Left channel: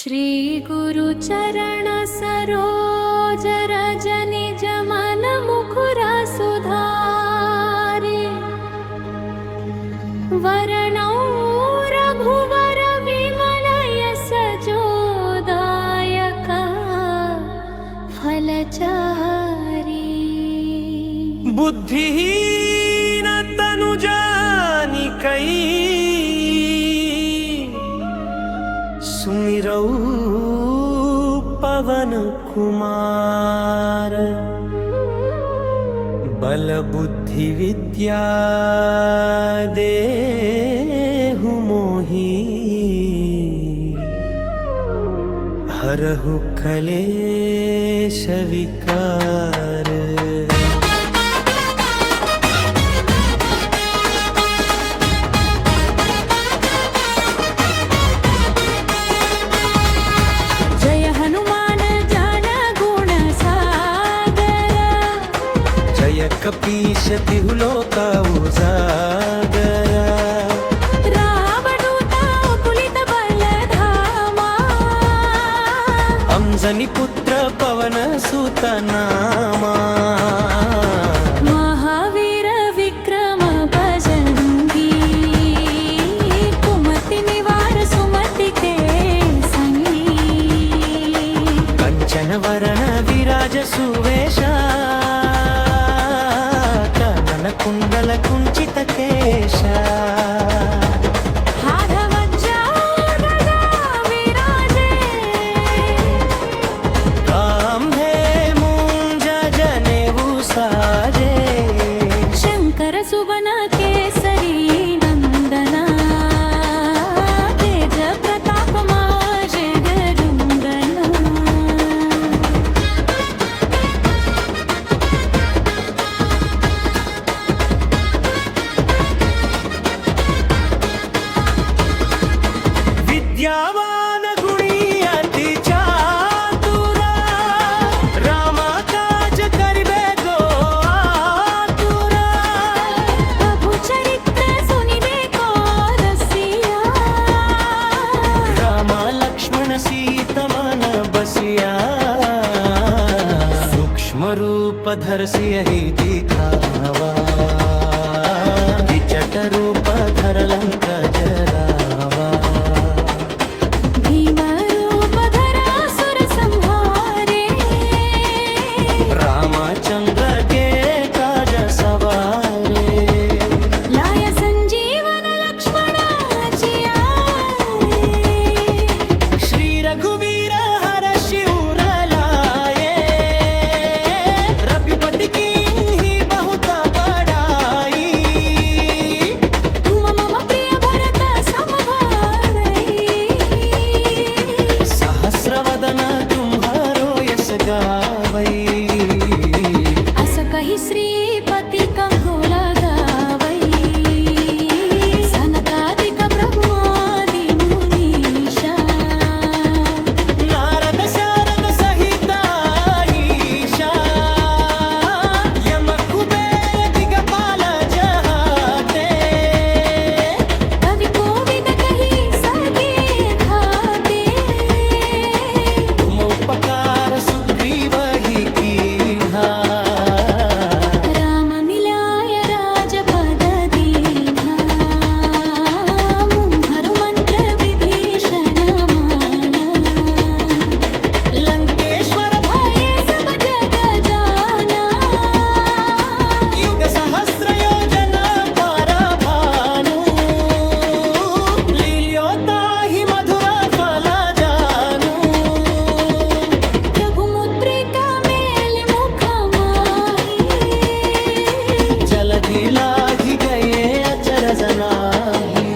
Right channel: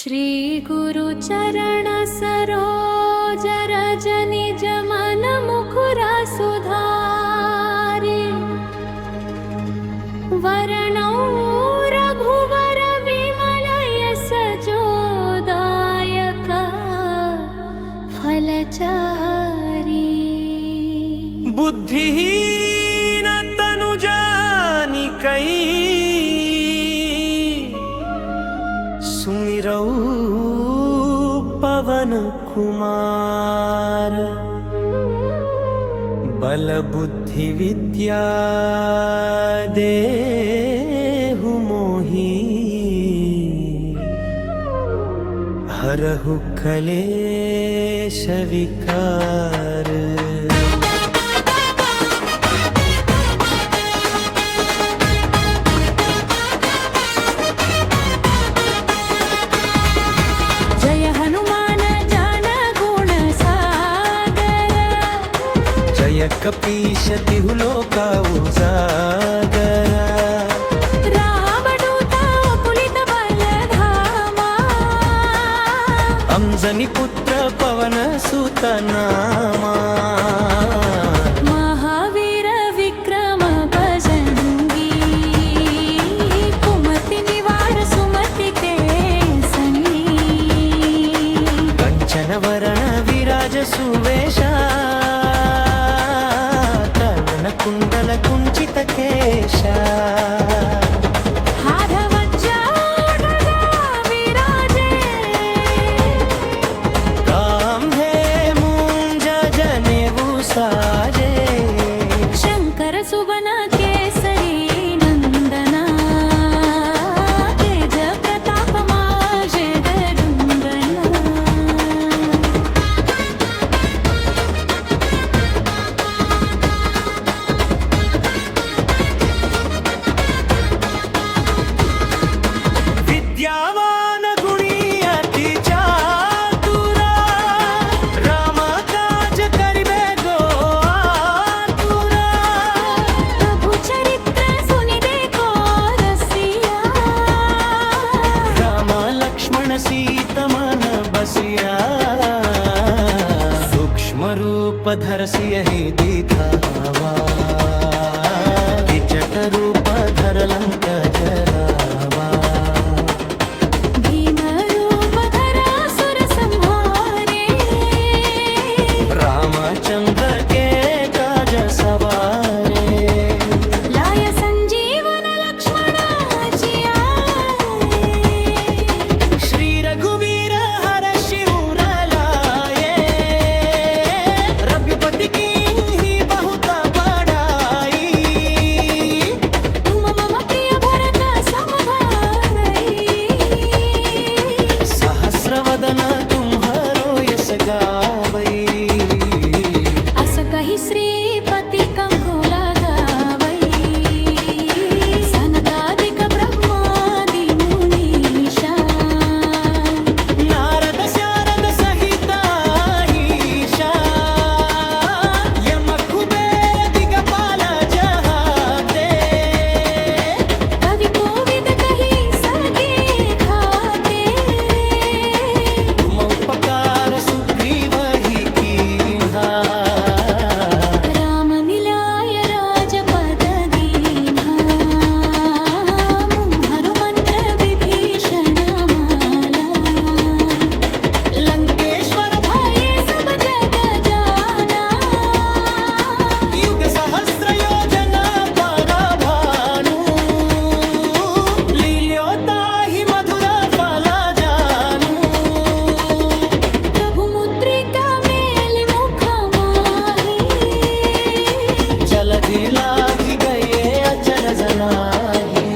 श्री गुरु चरण सरोज रज निज मन मुकुरा सुधारि वरणौ रघुवर विमल यस जोदायक फलचारी बुद्धिहीन तनु जानिकै सुमिरौ पवन कुमार बल बुद्धि विद्या देहु मोहि हरहु कलेश विकार। जय हनुमान ज्ञान गुण सागर जय कपीश तिहु लोका उजागर रावणदूता पुलित बल धामा अंजनी पुत्र पवन सुत नामा महावीर विक्रम बजरंगी कुमति निवार सुमति के संगी कंचन वरण विराज सुवेशा कानन कुंडल कुंचित केशा हार वज्रा ध्वजा विराजे कांधे मूंज जनेऊ साजे शंकर सुवन केसरी नंदना तेज प्रताप जगदंदना विद्यावान गुणी अति चातुरा राम काज करिबे गो आतुरा प्रभु चरित्र सुनिबे को रसिया राम लक्ष्मण सीता मन बसिया सूक्ष्म रूप धरसि यही दिखावा किचट रूप धर लंक जरावा भीम रूप धरा सुर संहारे रामचंद्र के काज सवारे लाय संजीवन लक्ष्मण जियाए श्री रघुवीर हर शिवर लाए रघुपति की ही बहुत बड़ाई तुम मम प्रिय भरत सम भाई सहस्रवदन तुम्हारो यस गावई अस कहि श्रीपति कंको लगावई सनकादिक ब्रह्मादि मुनीषा नारद शारद सहित ईशा यम कुबेर दिगपाल जहाते कवि कोविद कहि सके खाते तुम उपकार सुग्रीव ही कीन्हा राम मिलाय राजपद दीन्हा मुहरु मंत्र विभीषण माला लंकेश्वर भय सब जग जाना युग सहस्र योजना पर भानु लील्योता ही मधुर फल जानू प्रभु मुद्रिका मेलि मुख माहि जलधि लाघि गए अचरज नाही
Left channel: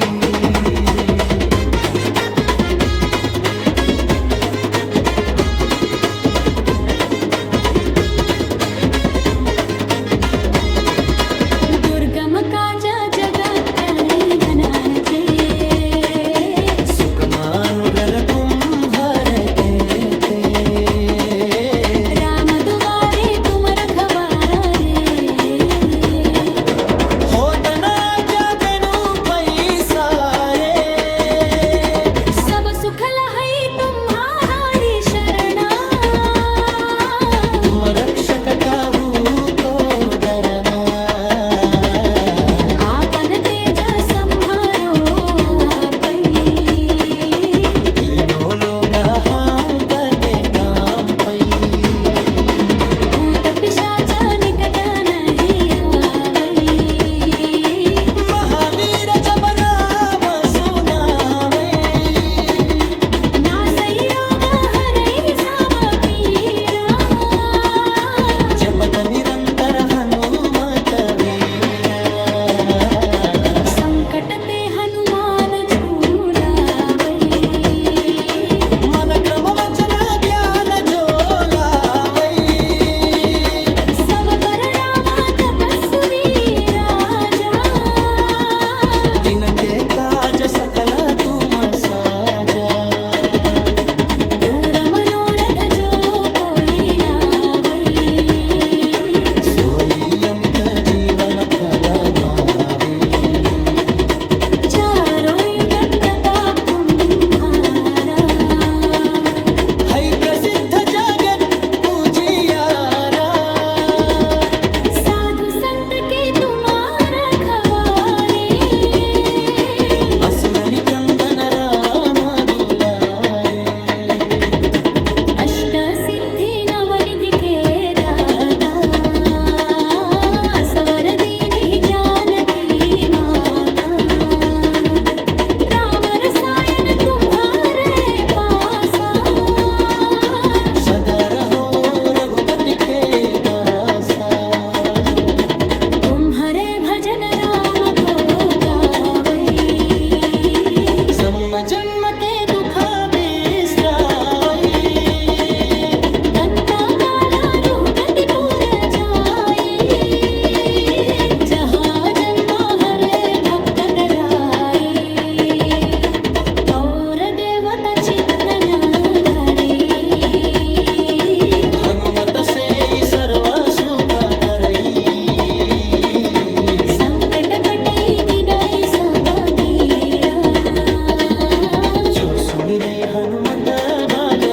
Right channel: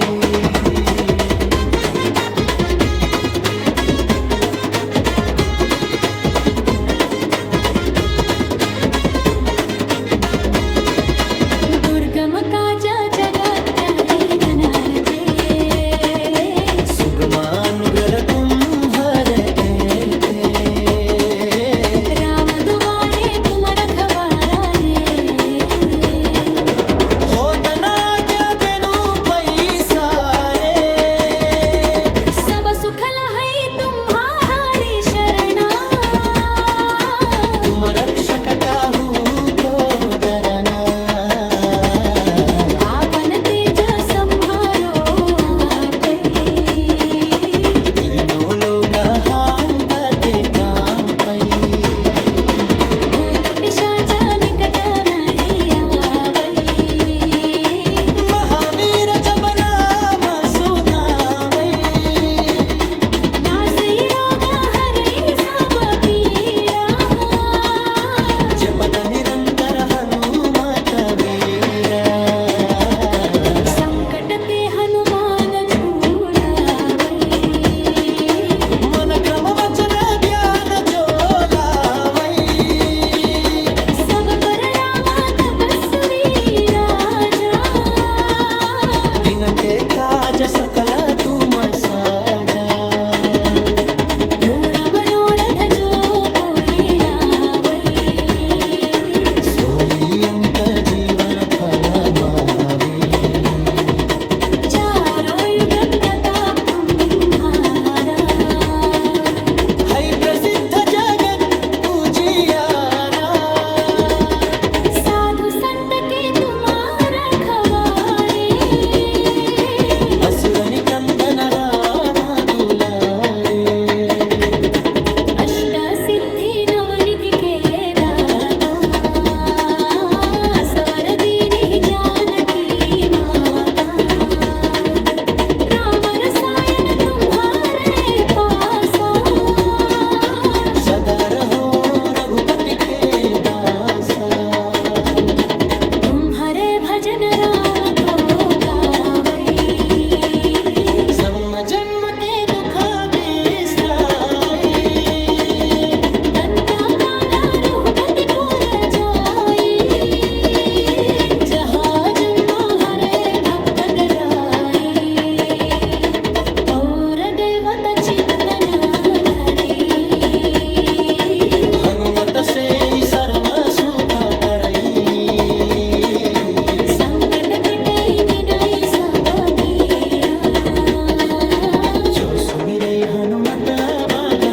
दुर्गम काज जगत बनानते सुगमानुग्रह कुंभर ते राम दुआरे तुम रखवारा रे होत ना जबेनु पैसा रे सुखल है तुम्हारा रक्षक काहू को डरना। आपन तेज संहारो आपै, तीनों लोक हांकते काम पै। भूत पिशाच निकट नहीं आवै, महावीर जब नाम सुनावै, नासै रोग हरै सब पीरा। जपत निरंतर हनुमत वीरा। संकट ते हनुमान झूलावै, मन क्रम वचन ध्यान जो लावै। सब पर राम तपस्वी राजा। तिनके काज सकल तुम साजा। दूर मनोरथ जो कोई लावै, सोई अमित जीवन फल मावे। चारों युग प्रताप तुम्हारा। है प्रसिद्ध जगत पूजियारा। साधु संत के तुम्हारा खवारे, असुर निकंदन राम दुलारे। अष्ट सिद्धि नवनिधि के दाता। सवर दीनी जानकी माता, राम रसायन तुम्हारे पासा। सदा रहो रघुपति के दासा। तुम्हारे भजन राम को गावै, सम जन्म के दुख बिसरावै। अंता काला रघुपतिपुर जाई, जहाँ जन्म हरे भक्त दराई। और देवता चित्तन धरी, हनुमत से सर्व सुख करई। संकट कटई मिटाई सब पीरा। जो सुमिरै हनुमत बल